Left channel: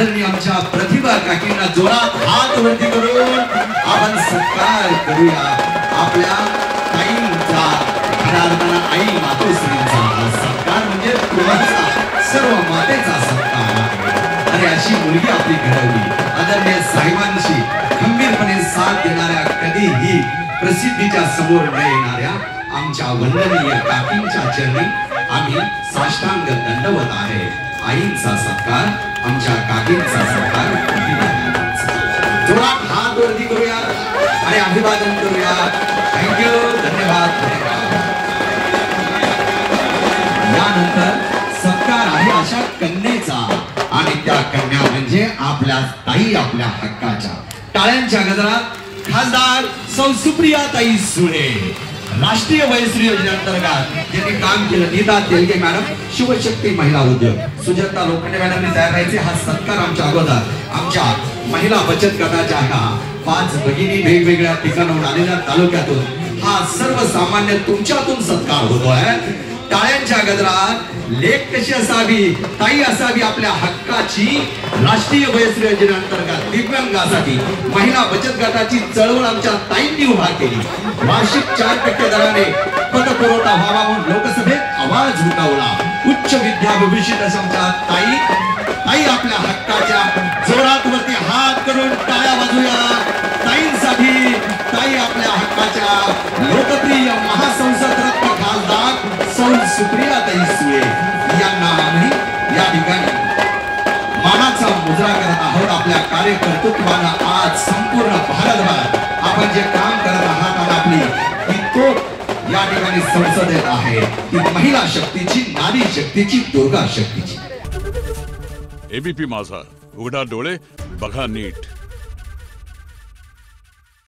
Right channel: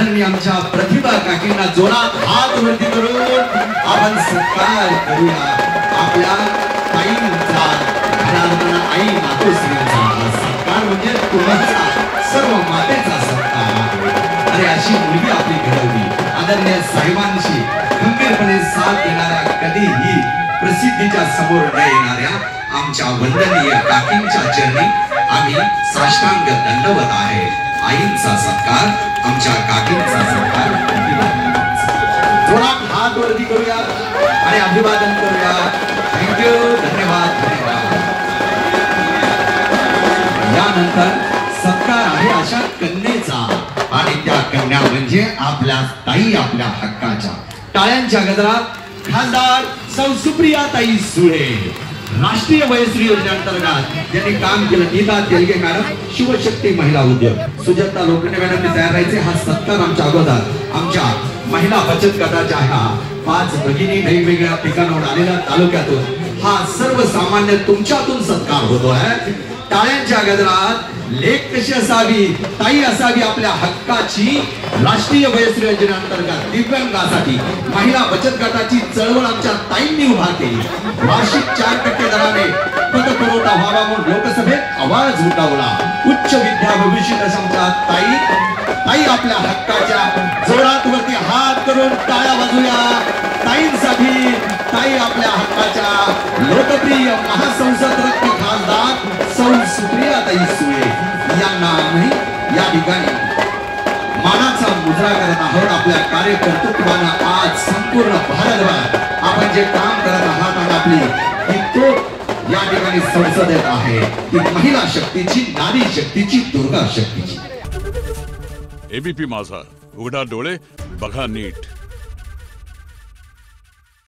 आदरणीय आमच्या प्रतिभा काकींना जोरात हात वरती करून आपण सत्कार करूया. आपल्या ताईंचा आई मातोश्रींचा सत्कार म्हणजे तुमचा सर्व मातेचा सत्कार आहे. आणि अशी मुलगी आपली घडवली आदरणीय साहेबांशी खंबीरपणे साथ देणाऱ्या, कधीही प्रसिद्धीच्या समोर न येणाऱ्या आमच्या वंदनीय काकींच्या चरणी आम्ही साष्टांग दंडवत आहे. आईंचा सत्कार, आमच्या काकींचा सत्कार, जोरात हात वरती करूया आणि अभिवादन करूया. थँक्यू, धन्यवाद, धन्यवाद. यानंतर सत्कार आहे अशा कन्येचा आणि त्या कन्या म्हणजे आपल्या ताई, आपल्या हक्काच्या. टाळ्यांच्या गजरात खासदार सौ सुप्रियाताई सुळे, राष्ट्रीय वयश्री योजनेअंतर्गत ज्यांनी काम केलं. नीता तेलगे मॅडम, शिवशक्ती महिला उद्योग, सुजाता लोखंडे मॅडम तयार राहायचे. हा सत्कार आमच्या अगोदर आमच्या महिला बचत गटाच्या ह्या 5 भगिनी वेगवेगळ्या ठिकाणाहून आलेल्या तालुक्यातून हा सर्वसामान्य तुमच्यातून सत्कार होतो आहे. टाळ्यांच्या गजरात लेख कशी असावी, ताई असावी आपल्या हक्काची. राष्ट्रीय वयश्री योजनेअंतर्गत दिव्यांगासाठी महिला बचत गटाची चळवळ आमच्या ताईंनी उभा केली. वार्षिक 4% दराने पतपुरवठा व्हावा म्हणून लोकसभेत आवाज उठवला. उच्च विद्याभूषित आमच्या ताई आपल्या हक्काच्या. जोरात वरती हात करून टाळ्या वाजूया ताईंसाठी. ताई आपल्या हक्काच्या. लोकप्रिय महासंसद रत्न खासदार सौ सुप्रियाताई सुळे यांना आम्ही या ठिकाणी मानाचा मुजरा करत आहोत. आपल्या कार्यकर्तृत्वानं आज संपूर्ण भारतभर आपण जे काम करत आहात आणि आपली ही तो या ठिकाणी संसदेत आहे ती महिला शक्तीची, नारी शक्तीची, दुर्गा शक्तीची. एबीपी माझा, उघडा डोळे बघा नीट.